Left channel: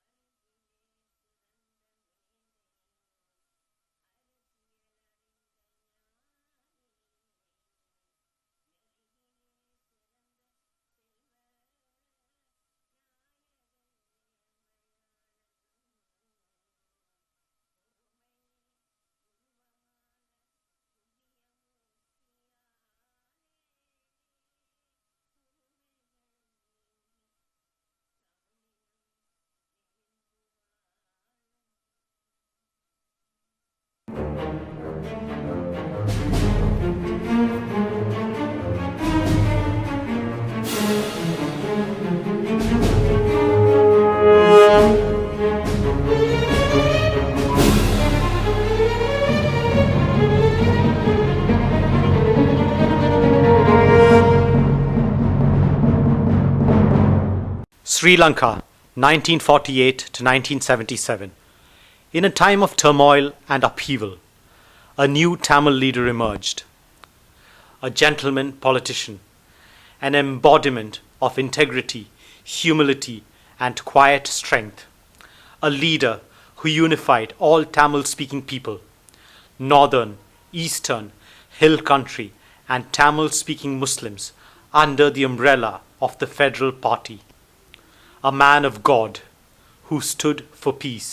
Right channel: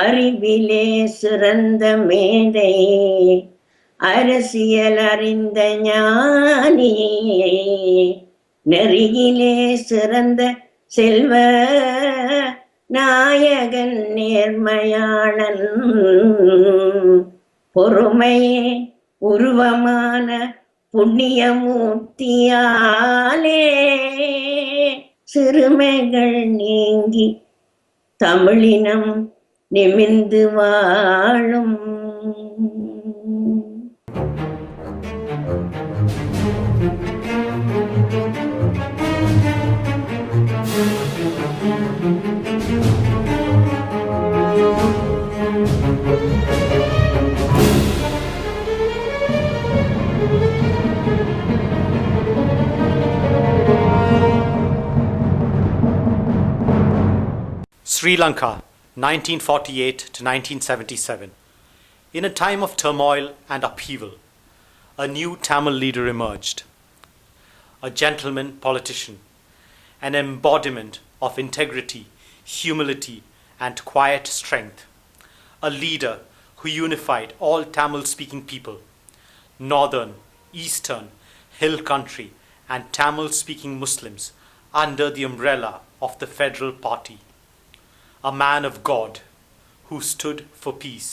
அறிவிலே சிறந்த மேதை, அரசியல் அறிந்த ஞானி, நெறியிலே சிறந்த செல்வ நாயகன் நேர்மையாளன், பொறுமையே உருவமான புண்ணியமூர்த்தியாலே சிறுமைகள் நீங்கி தமிழினம் நிமிர்ந்து வாழும். Sri Lanka, 1948 to 1977. In a time of turmoil and upheaval, a new Tamil leader emerged. A gentleman politician, an embodiment of integrity, humility, and quiet strength. A leader who unified all Tamil-speaking people, northern, eastern, hill country, and Tamil-speaking Muslims under the umbrella of the Federal Party. A man of God who stood for peace.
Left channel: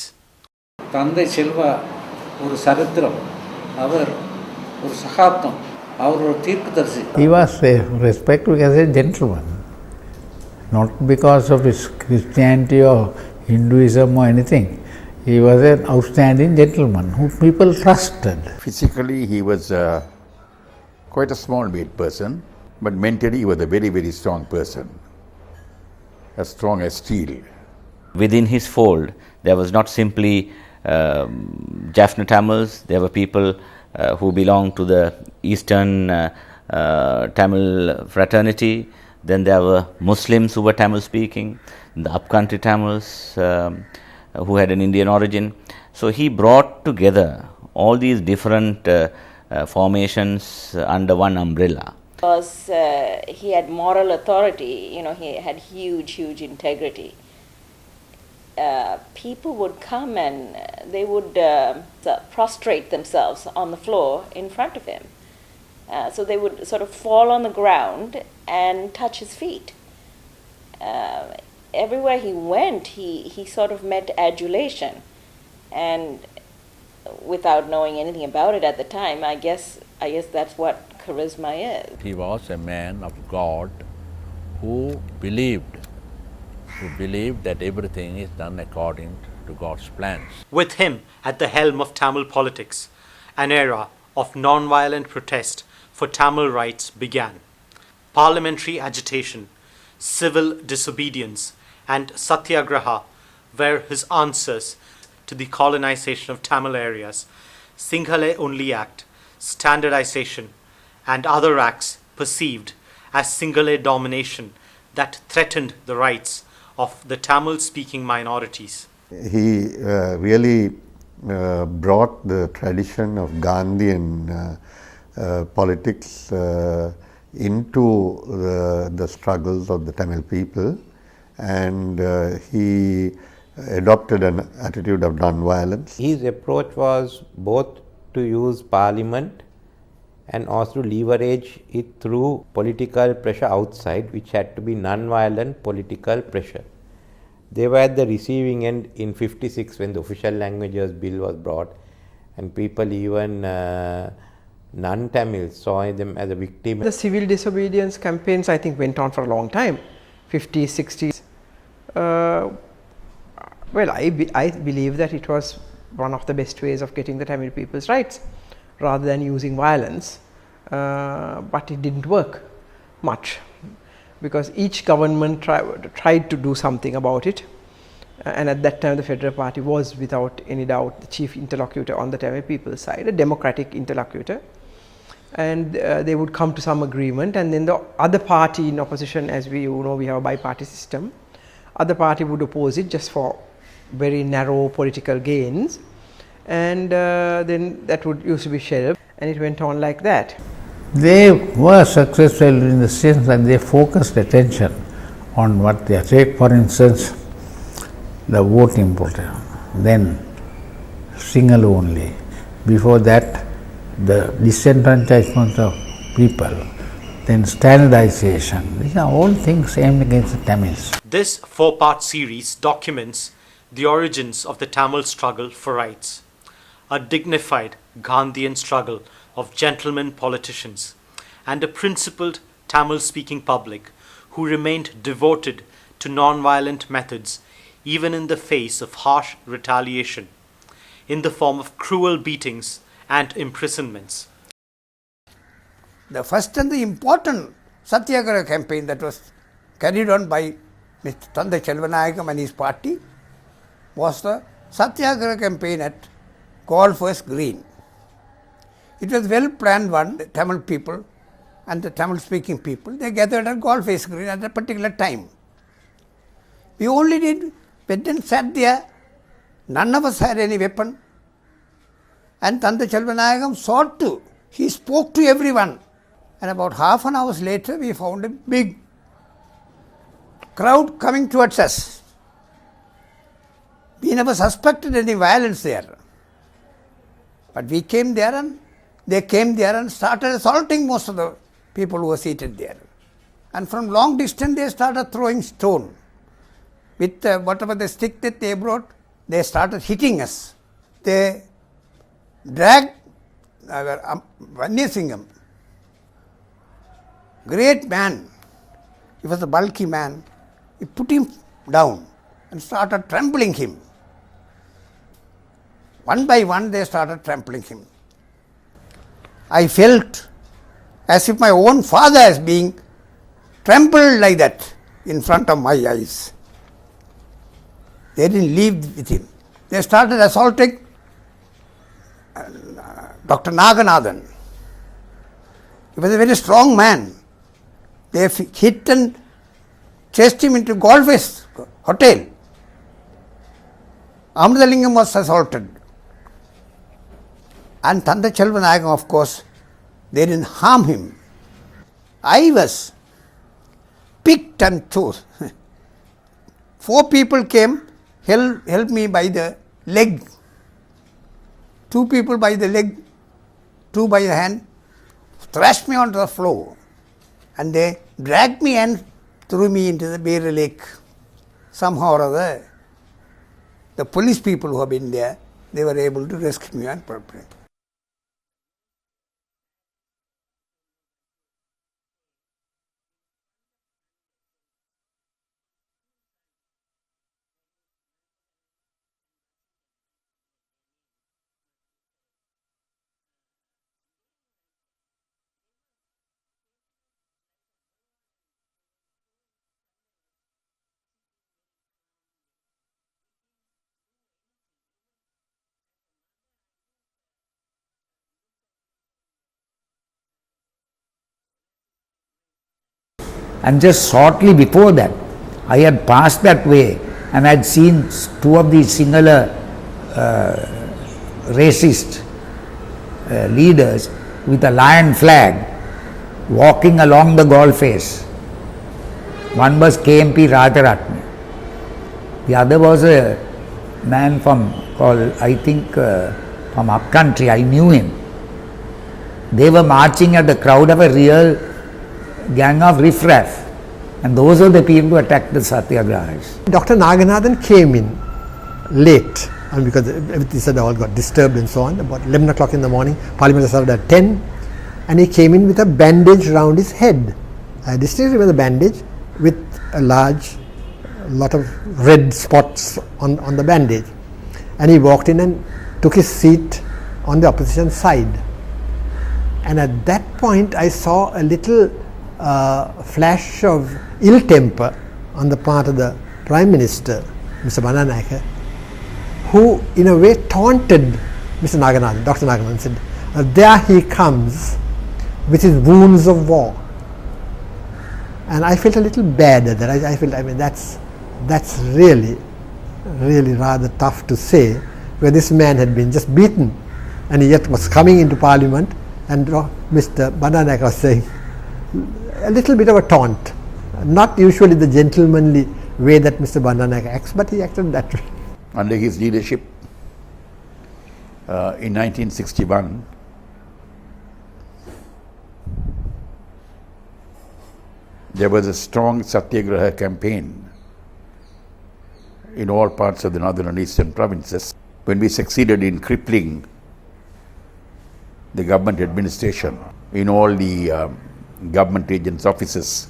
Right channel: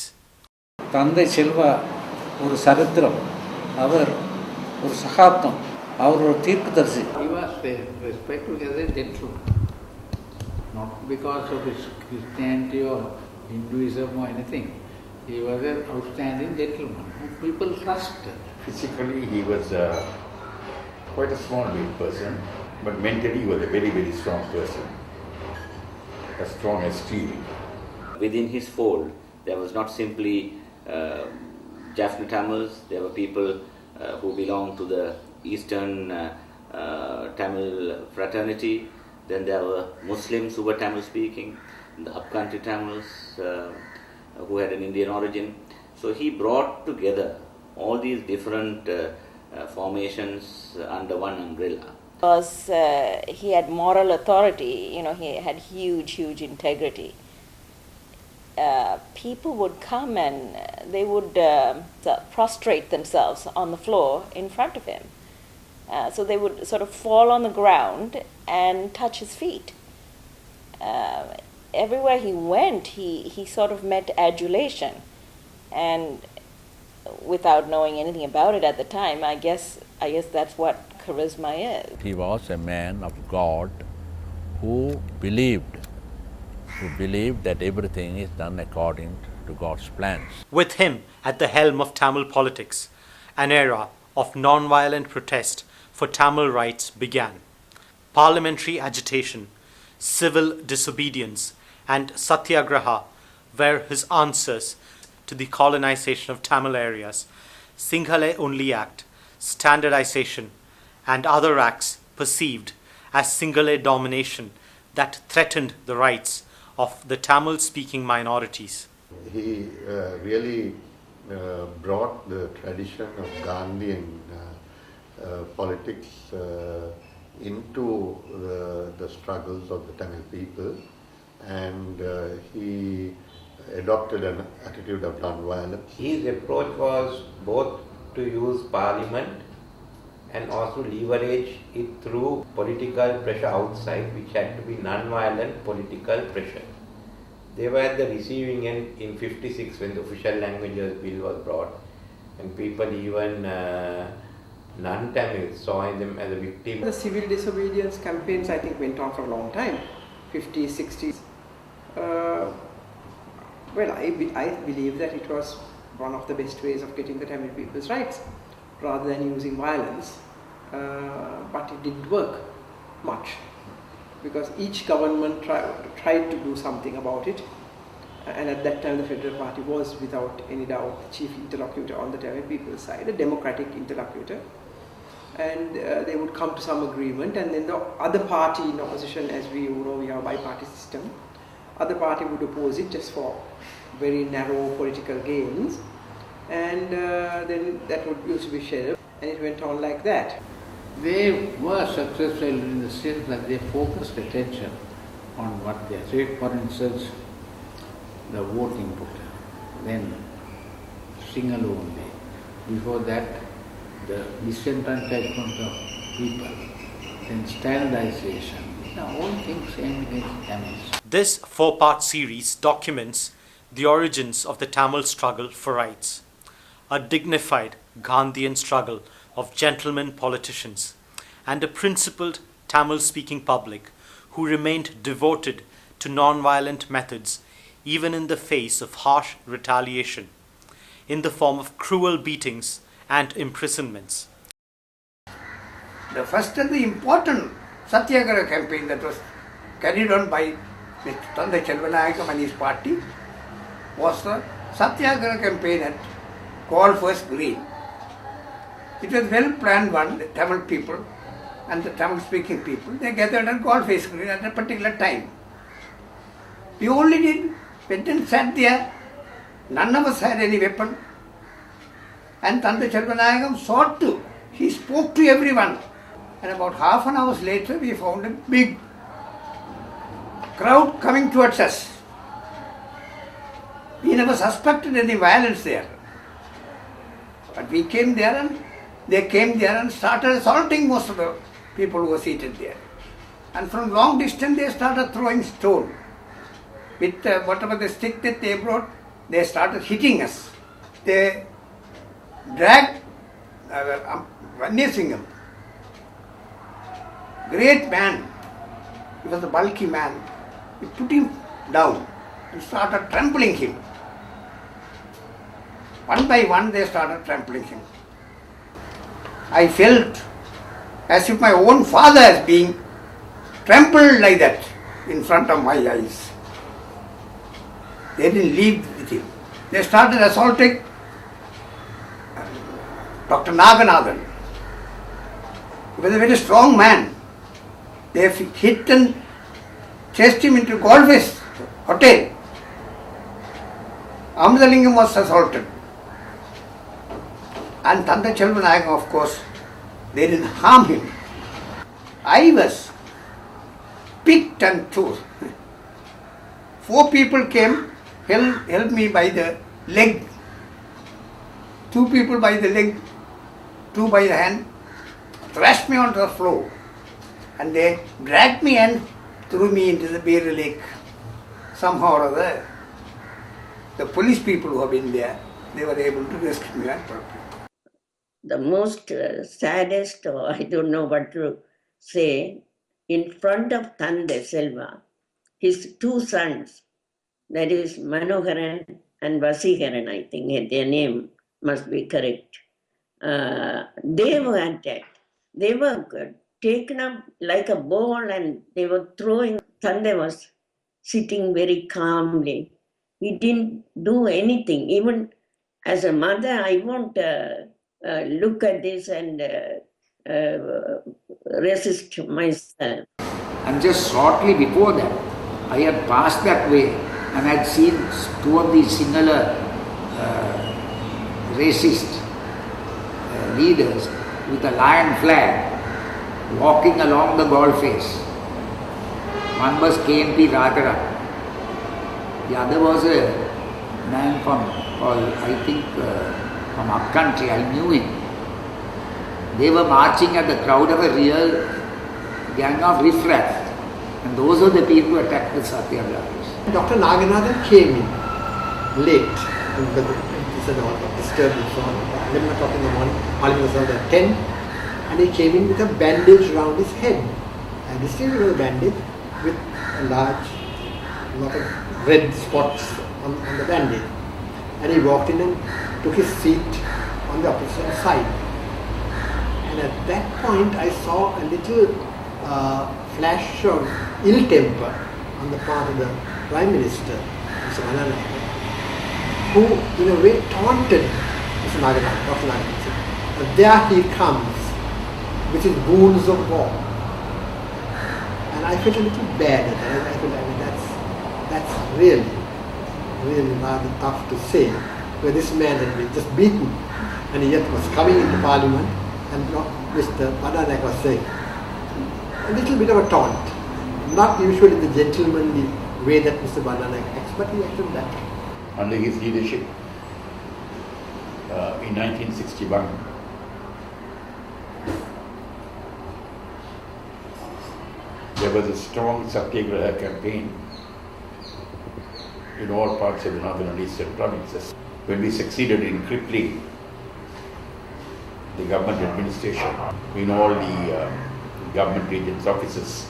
தந்தை செல்வா ஒரு சரித்திரம், அவர் ஒரு சகாப்தம், அவர் ஒரு தீர்க்கதரிசி. He was respected as a gentleman, not because of his Christianity or Hinduism or anything. He was an outstanding gentleman who people trusted. Physically he was quite a small weight person, but mentally he was a very, very strong person. As strong as steel. Within his fold, there was not simply Jaffna Tamils, there were people who belonged to the Eastern Tamil fraternity, then there were Muslims who were Tamil speaking, the upcountry Tamils who had an Indian origin. So he brought together all these different formations under one umbrella. Because he had moral authority, he had huge integrity. People would come and they would prostrate themselves on the floor in front of him. So they would sort of fall on the ground and touch his feet. Everywhere he went, he sort of met adulation. And without knowing anything about it at the time, I guess that's what charisma is. He was a man of God who believed that everything is done according to God's plans. With him at the helm of Tamil politics, an era of non-violent protest for Tamil rights began. Parliamentary agitation, civil disobedience, and Satyagraha were his answers to the colonization of Tamil areas. Sinhala Only Act, standardization, and other acts perceived as Sinhala domination that threatened the rights of the Tamil-speaking minorities. He really brought the tradition of Gandhian politics into the struggles of the Tamil people, and he adopted an attitude of non-violence. His approach was both to use parliament and also leverage it through political pressure outside, which had to be non-violent political pressure. They were at the receiving end in 56 when the official languages bill was brought, and people even non-Tamils saw them as a victim. The civil disobedience campaigns, I think, went on for a long time, 50s, 60s. Well, I believe that it was one of the best ways of getting the Tamil people's rights, rather than using violence, but it didn't work much, because each government tried to do something about it, and at that time the Federal Party was without any doubt the chief interlocutor on the Tamil people's side, a democratic interlocutor, and they would come to some agreement, and then the other party in opposition, as we know, we have a bi-party system, other party would oppose it just for very narrow political gains, and then that would used to be shelved, and it went on like that. They were successful in the sense that they focused attention on what they are. Take for instance the voting program, then Sinhala only. Before that, the disenfranchisement of people, then standardization. These are all things aimed against the Tamils. This four-part series documents the origins of the Tamil struggle for rights, a dignified Gandhian struggle of gentlemen politicians, and a principled Tamil-speaking public who remained devoted to non-violent methods even in the face of harsh retaliation in the form of cruel beatings and imprisonments. The first and the important Satyagraha campaign that was carried on by Mr. S.J.V. Chelvanayakam and his party was the Satyagraha campaign at Golfers Green. It was well planned one. The Tamil people and the Tamil speaking people, they gathered at Golfers Green at a particular time. We only went and sat there. None of us had any weapon. And S.J.V. Chelvanayakam sought to. He spoke to everyone. And about half an hour later, we found a big crowd coming towards us. We never suspected any violence there. But we came there and they came there and started assaulting most of the people who were seated there. And from long distance, they started throwing stone. With whatever the stick that they brought, they started hitting us. They dragged Vanyasingham, great man. He was a bulky man. We put him down and started trampling him. One by one, they started trampling him. I felt as if my own father is being trampled like that in front of my eyes. They didn't leave with him. They started assaulting Dr. Naganathan. He was a very strong man. They hit and chased him into Golfers Hotel. Amadalingam was assaulted. And S.J.V. Chelvanayakam, of course, they didn't harm him. I was picked and chose. 4 people came, held me by the leg. 2 people by the leg, 2 by the hand, thrashed me onto the floor. And they dragged me and threw me into the Bear Lake. Somehow or other, the police people who have been there, they were able to rescue me and brought me. The most saddest, or I don't know what to say, in front of S.J.V., his 2 sons, that is Manoharan and Vasiharan, I think their name must be correct. They were attacked. They were taken up like a ball and they were throwing. S.J.V. was sitting very calmly. He didn't do anything. Even as a mother, I won't look at this and resist myself. And just shortly before that, I had passed that way and I had seen 2 of these Sinhala racist leaders with a lion flag walking along the Golfers. One was KMP Rajaratnam. The other was a man called, I think, from upcountry. I knew him. They were marching at the crowd of a real gang of riffraff. And those are the people who attacked the Satyagrahas. Dr. Naganathan came in late, and because everything said all got disturbed and so on. About 11 o'clock in the morning, Parliament was held at 10, and he came in with a bandage around his head. I distinctly remember the bandage with a lot of red spots on the bandage. And he walked in and took his seat on the opposition side. And at that point, I saw a little flash of ill temper on the part of the Prime Minister, Mr. Bandanayake, who in a way taunted Mr. Naganathan, Dr. Naganathan, said, "Now there he comes with his wounds of war." And I felt a little bad at that. I mean, that's really rather tough to say, where this man had been just beaten and he yet was coming into Parliament, and Mr. Bandanayake was saying a little bit of a taunt, not usually the gentlemanly way that Mr. Bandananaike acts, but he acted that way. Under his leadership, in 1961, there was a strong Satyagraha campaign in all parts of the northern and eastern provinces. When we succeeded in crippling the government administration in all the government agents' offices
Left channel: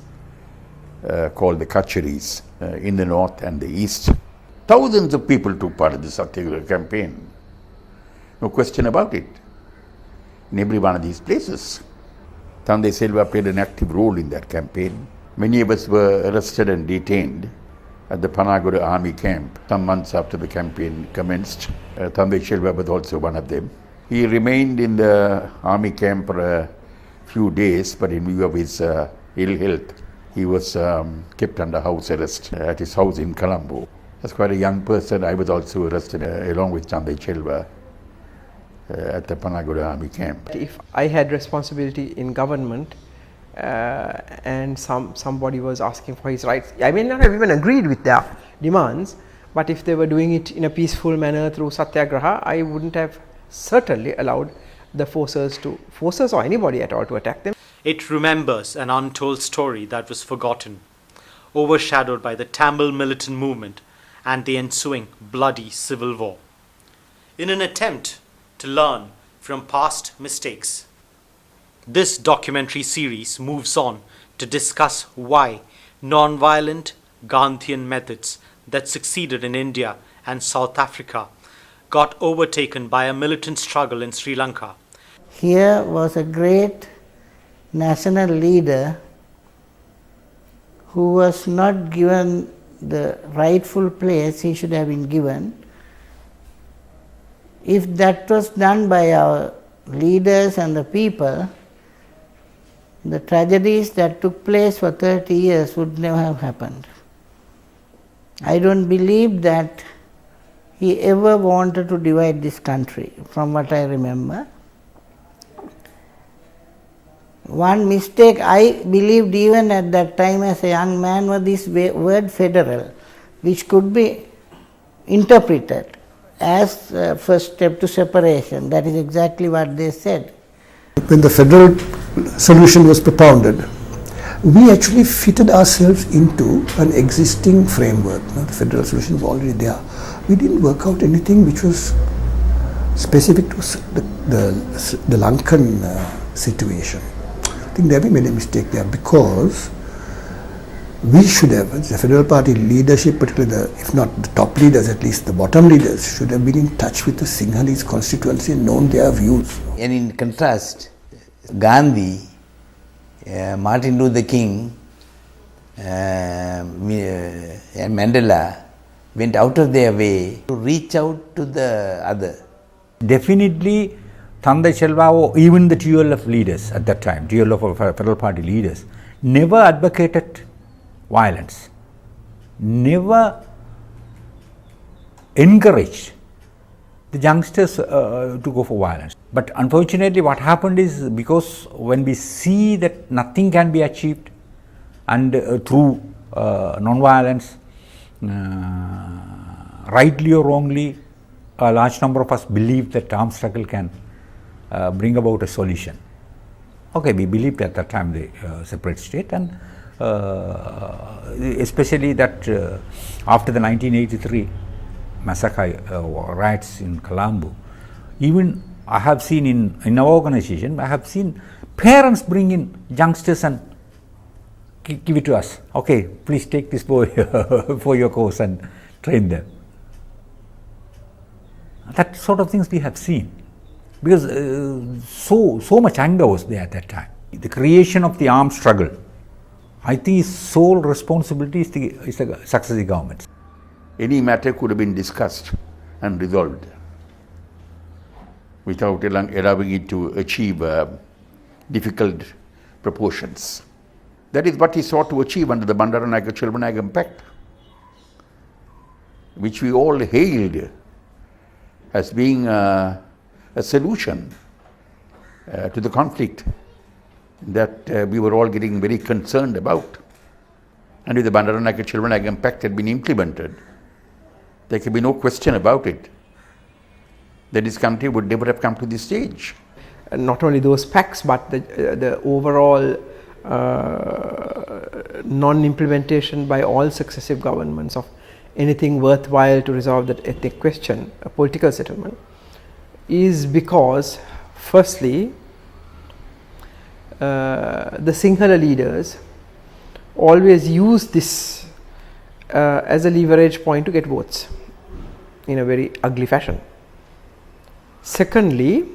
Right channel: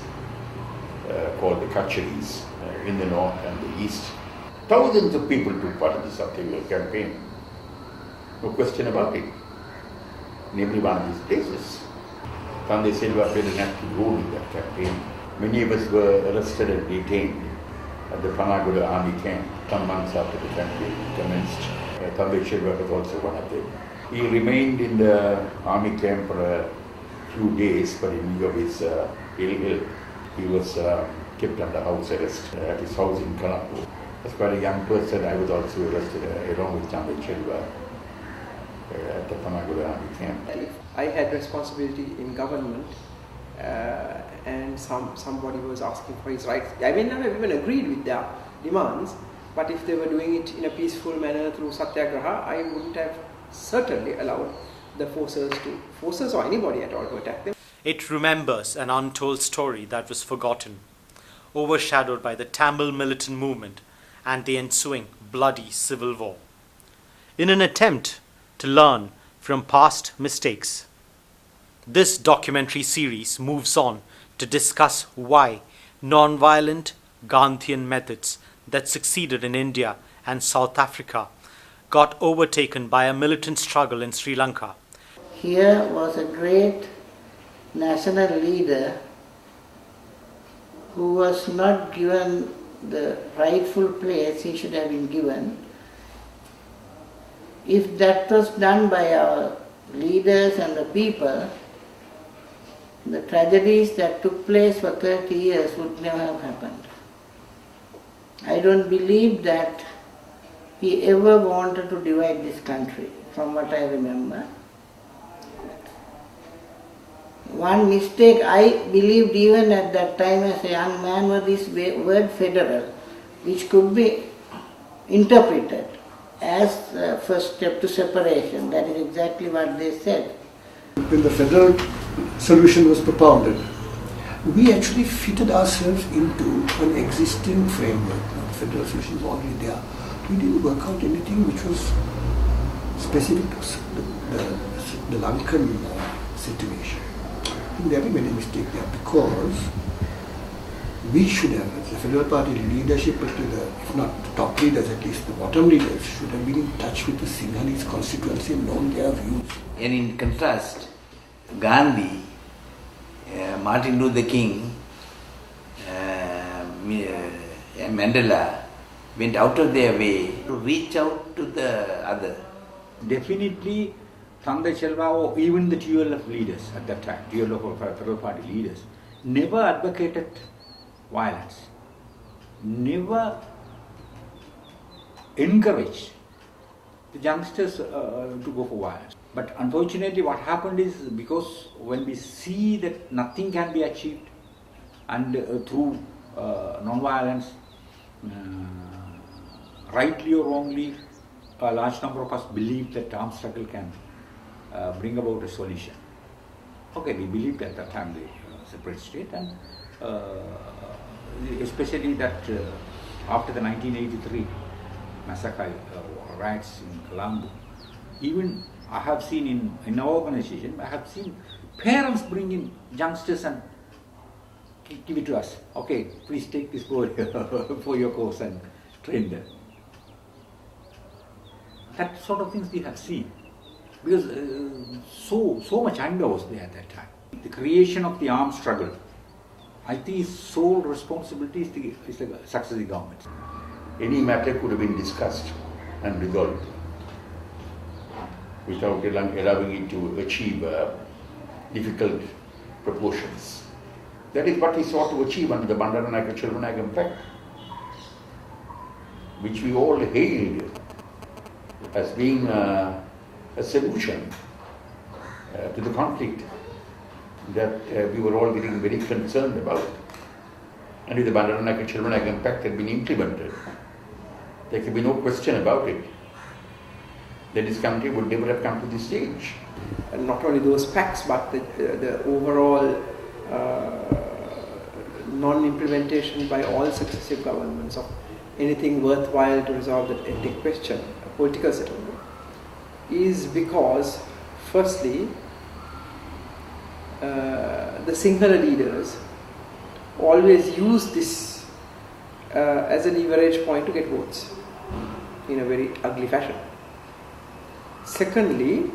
called the kacharis in the north and the east, thousands of people took part in the Satyagraha campaign. No question about it. In every one of these places. Thandai Selva played an active role in that campaign. Many of us were arrested and detained at the Panagoda army camp some months after the campaign commenced. Thandai Selva was also one of them. He remained in the army camp for a few days, but in view of his ill health, he was kept under house arrest at his house in Colombo. As quite a young person, I was also arrested along with Thandai Selva at the Panagoda army camp. If I had responsibility in government and somebody was asking for his rights, I may not have even agreed with their demands, but if they were doing it in a peaceful manner through Satyagraha, I wouldn't have certainly allowed the forces or anybody at all to attack them. It remembers an untold story that was forgotten, overshadowed by the Tamil militant movement and the ensuing bloody civil war. In an attempt to learn from past mistakes, this documentary series moves on to discuss why non-violent Gandhian methods that succeeded in India and South Africa got overtaken by a militant struggle in Sri Lanka. Here was a great national leader who was not given the rightful place he should have been given. If that was done by our leaders and the people, the tragedies that took place for 30 years would never have happened. I don't believe that he ever wanted to divide this country, from what I remember. One mistake I believed even at that time as a young man was this word federal, which could be interpreted as a first step to separation. That is exactly what they said. When the federal solution was propounded, we actually fitted ourselves into an existing framework. The federal solution was already there. We didn't work out anything which was specific to the Lankan situation. I think there we made a mistake there, because we should have, the federal party leadership, particularly if not the top leaders, at least the bottom leaders, should have been in touch with the Sinhalese constituency and known their views. And in contrast, Gandhi, Martin Luther King and Mandela went out of their way to reach out to the other. Definitely, Thandai Selva or even the TLF leaders at that time, TLF or federal party leaders, never advocated violence, never encouraged the youngsters to go for violence. But unfortunately what happened is, because when we see that nothing can be achieved and through non-violence, rightly or wrongly, a large number of us believe that armed struggle can bring about a solution. Okay, we believed at that time the separate state, and especially that after the 1983 massacre riots in Colombo, even I have seen in our organization, I have seen parents bring in youngsters and give it to us. Okay, please take this boy for your course and train them. That sort of things we have seen, because so much anger was there at that time. The creation of the armed struggle, I think its sole responsibility is the successive governments. Any matter could have been discussed and resolved without allowing it to achieve difficult proportions. That is what he sought to achieve under the Bandaranaike-Chelvanayakam Pact, which we all hailed as being a solution to the conflict that we were all getting very concerned about. And if the Bandaranaike Chelvanayakam Pact had been implemented, there could be no question about it that this country would never have come to this stage. And not only those pacts, but the overall non-implementation by all successive governments of anything worthwhile to resolve that ethnic question, a political settlement, is because firstly the Sinhala leaders always use this as a leverage point to get votes in a very ugly fashion. Secondly,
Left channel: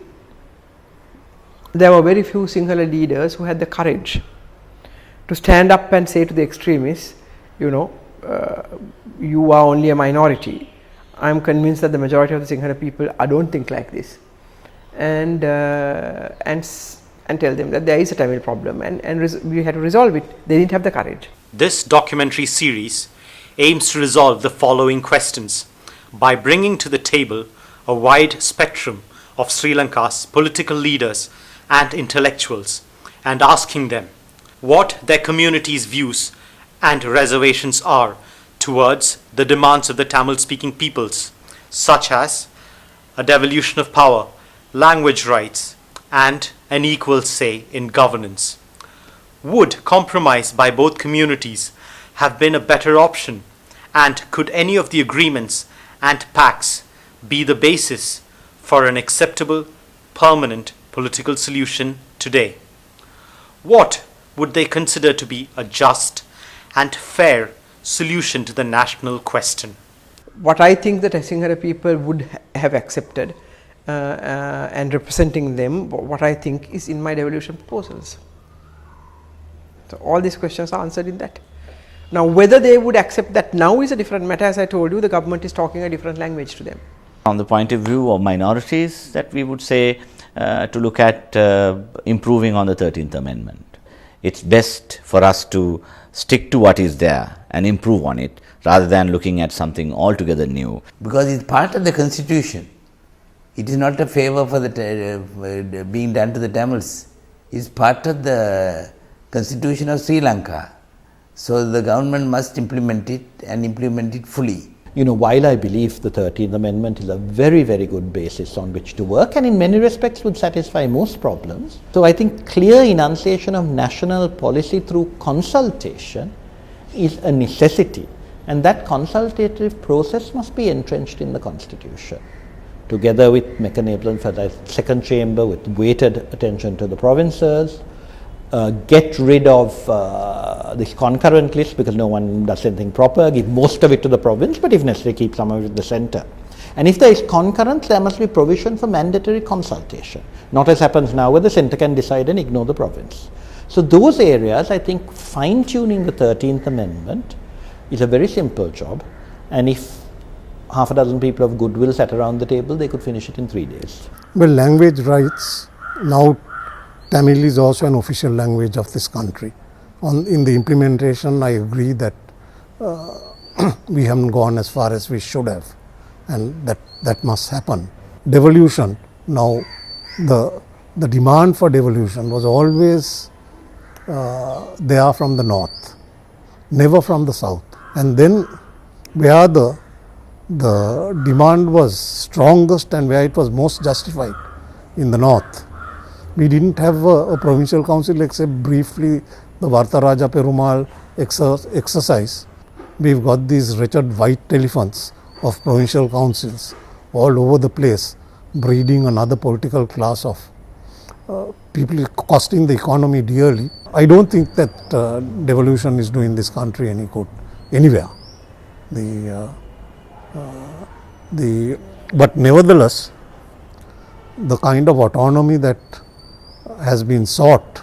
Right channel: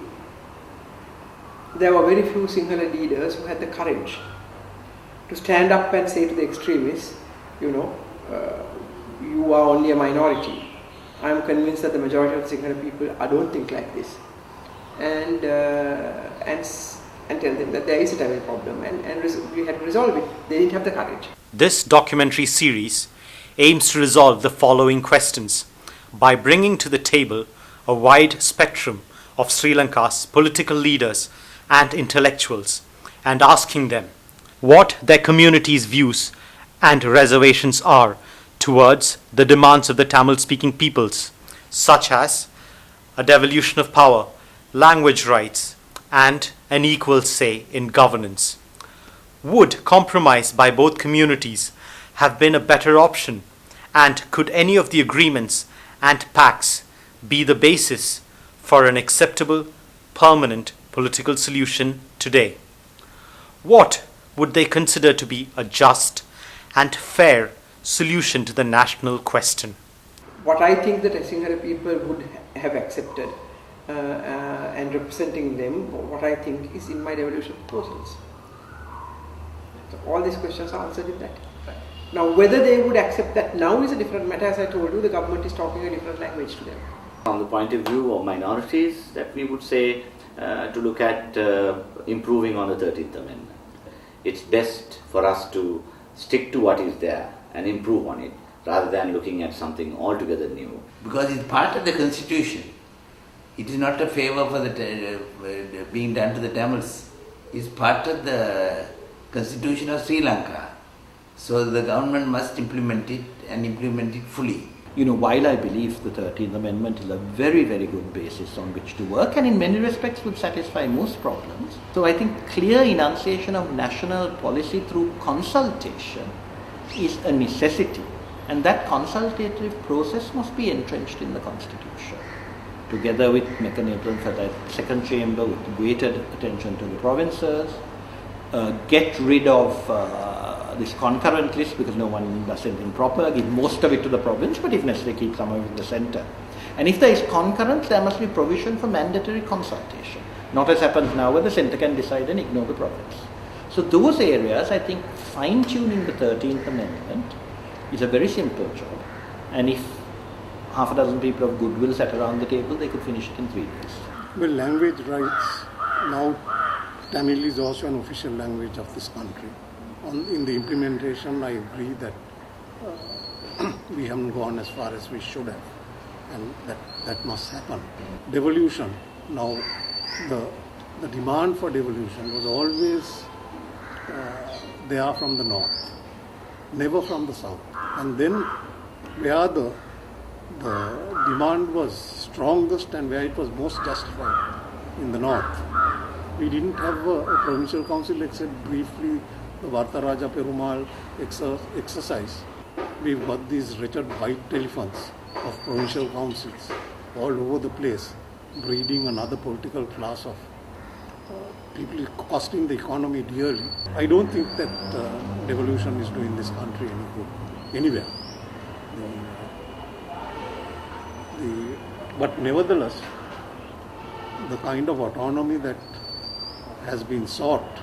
there were very few Sinhala leaders who had the courage to stand up and say to the extremists, you know, you are only a minority. I am convinced that the majority of the Sinhala people don't think like this, and tell them that there is a Tamil problem and we had to resolve it. They didn't have the courage. This documentary series aims to resolve the following questions by bringing to the table a wide spectrum of Sri Lanka's political leaders and intellectuals and asking them what their community's views and reservations are towards the demands of the Tamil-speaking peoples, such as a devolution of power, language rights, and an equal say in governance. Would compromise by both communities have been a better option, and could any of the agreements and pacts be the basis for an acceptable, permanent political solution today? What would they consider to be a just and fair solution to the national question? What I think that Sinhala people would have accepted and representing them, what I think is in my devolution proposals. So all these questions are answered in that. Now whether they would accept that now is a different matter. As I told you, the government is talking a different language to them. From the point of view of minorities, that we would say to look at improving on the 13th Amendment. It's best for us to stick to what is there and improve on it rather than looking at something altogether new. Because it's part of the constitution. It is not a favor for the being done to the Tamils. It's part of the constitution of Sri Lanka. So the government must implement it and implement it fully. You know, while I believe the 13th Amendment is a very, very good basis on which to work and in many respects would satisfy most problems. So I think clear enunciation of national policy through consultation is a necessity, and that consultative process must be entrenched in the Constitution, together with mechanisms for the second chamber with weighted attention to the provinces, get rid of this concurrent list because no one does anything proper, give most of it to the province, but if necessary keep some of it in the centre. And if there is concurrence, there must be provision for mandatory consultation, not as happens now where the centre can decide and ignore the province. So those areas, I think fine-tuning the 13th Amendment is a very simple job, and if half a dozen people of goodwill sat around the table, they could finish it in 3 days. Well, language rights, now Tamil is also an official language of this country. In the implementation, I agree that we haven't gone as far as we should have, and that must happen. Devolution, now the demand for devolution was always there from the north, never from the south. And then where the demand was strongest and where it was most justified, in the north, we didn't have a provincial council except briefly the Vartaraja Perumal exercise. We've got these wretched white telephones of provincial councils all over the place, breeding another political class of people, costing the economy dearly. I don't think that devolution is doing this country any good anywhere. But nevertheless, the kind of autonomy that has been sought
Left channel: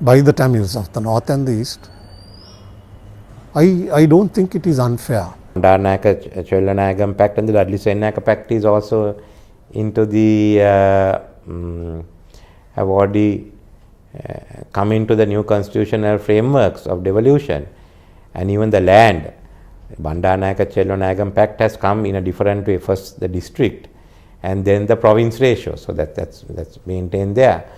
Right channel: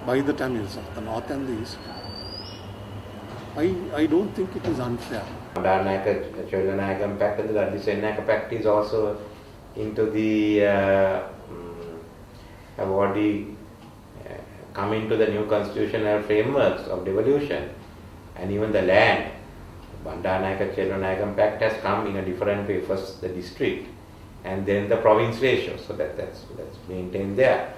by the Tamils of the north and the east, I don't think it is unfair. Bandaranaike Chelvanayakam Pact and the Dudley-Senaka Pact is also into the have already come into the new constitutional frameworks of devolution, and even the land. Bandaranaike Chelvanayakam Pact has come in a different way. First the district and then the province ratio, so that's maintained there.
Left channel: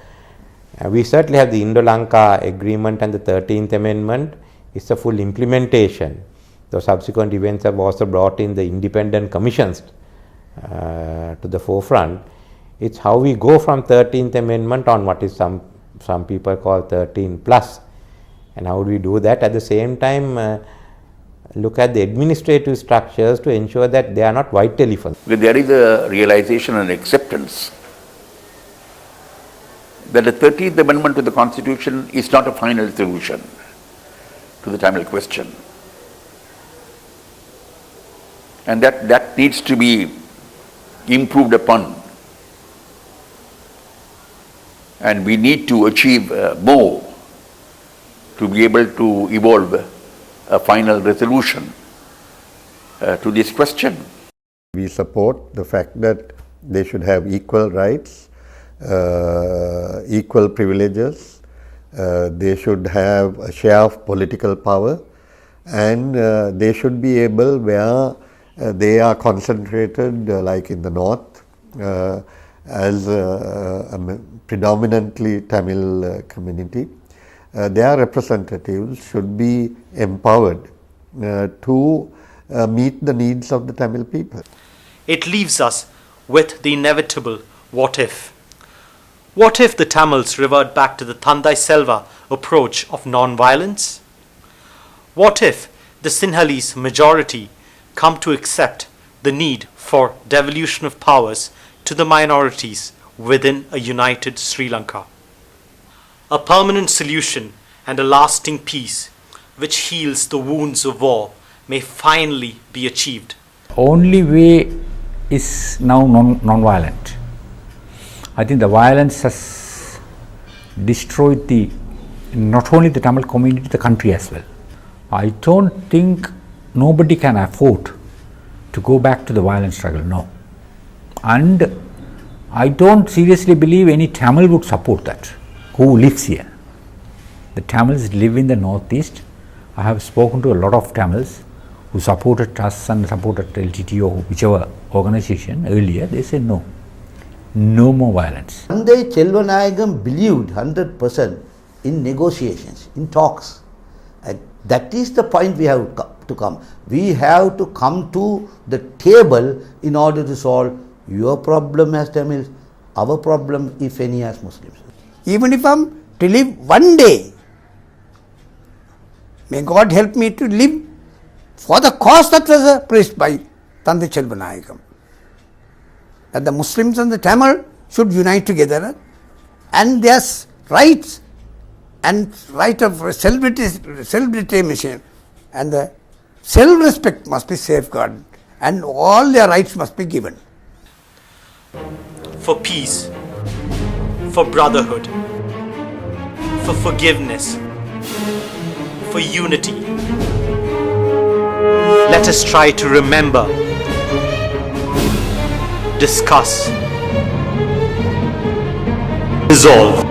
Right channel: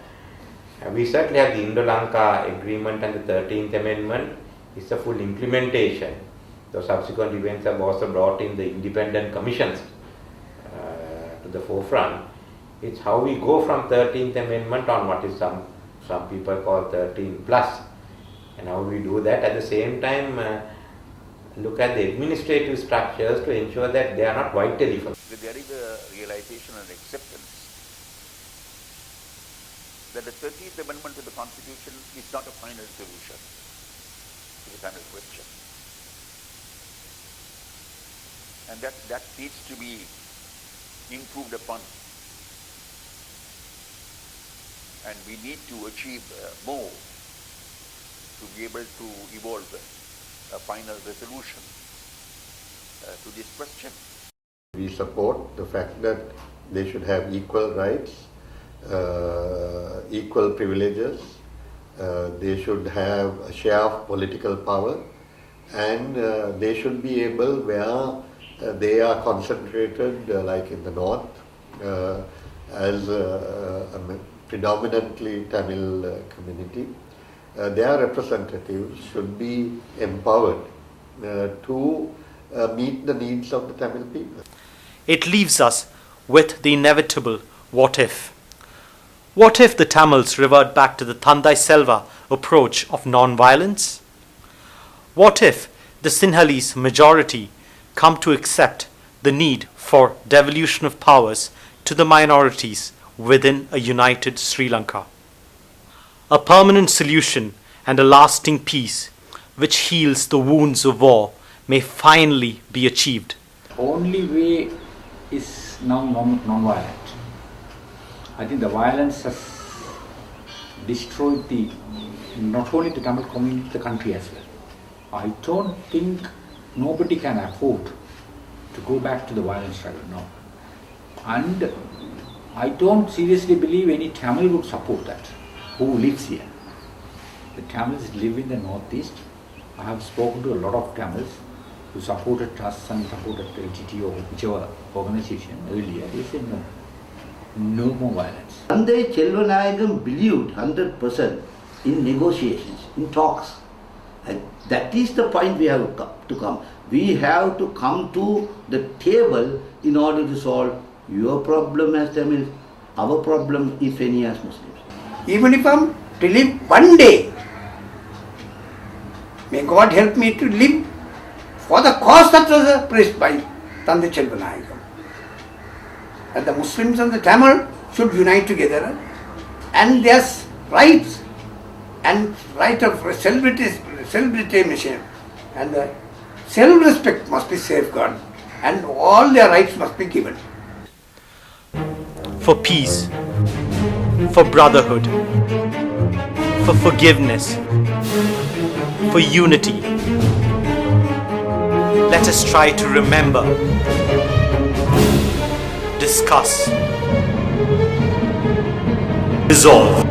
We certainly have the Indo-Lanka Agreement and the 13th Amendment It's the full implementation. The subsequent events have also brought in the independent commissions to the forefront. It's how we go from 13th Amendment on what is some people call 13 plus, and how do we do that at the same time look at the administrative structures to ensure that they are not white elephants. Because there is a realization and acceptance that the 13th Amendment to the Constitution is not a final solution to the Tamil question. And that needs to be improved upon. And we need to achieve more to be able to evolve a final resolution to this question. We support the fact that they should have equal rights, equal privileges, they should have a share of political power, and they should be able, where they are concentrated like in the north as a predominantly Tamil community, their representatives should be empowered to meet the needs of the Tamil people. It leaves us with the inevitable what if. What if the Tamils revert back to the Thandai Selva approach of non-violence? What if the Sinhalese majority come to accept the need for devolution of powers to the minorities within a united Sri Lanka? A permanent solution and a lasting peace which heals the wounds of war may finally be achieved. Only way is now non-violent. I think the violence has destroyed not only the Tamil community, the country as well. I don't think nobody can afford to go back to the violent struggle, no. And I don't seriously believe any Tamil would support that, who lives here. The Tamils live in the northeast. I have spoken to a lot of Tamils who supported us and supported LTT or whichever organization earlier. They said no, no more violence. S.J.V. Chelvanayakam believed 100% in negotiations, in talks. And that is the point we have to come. We have to come to the table in order to solve your problem as Tamils, our problem, if any, as Muslims. Even if I am to live one day, may God help me to live for the cause that was preached by S.J.V. Chelvanayakam. That the Muslims and the Tamil should unite together, and their rights and right of self-determination and the self-respect must be safeguarded, and all their rights must be given. For peace, for brotherhood, for forgiveness, for unity, let us try to remember, discuss, resolve.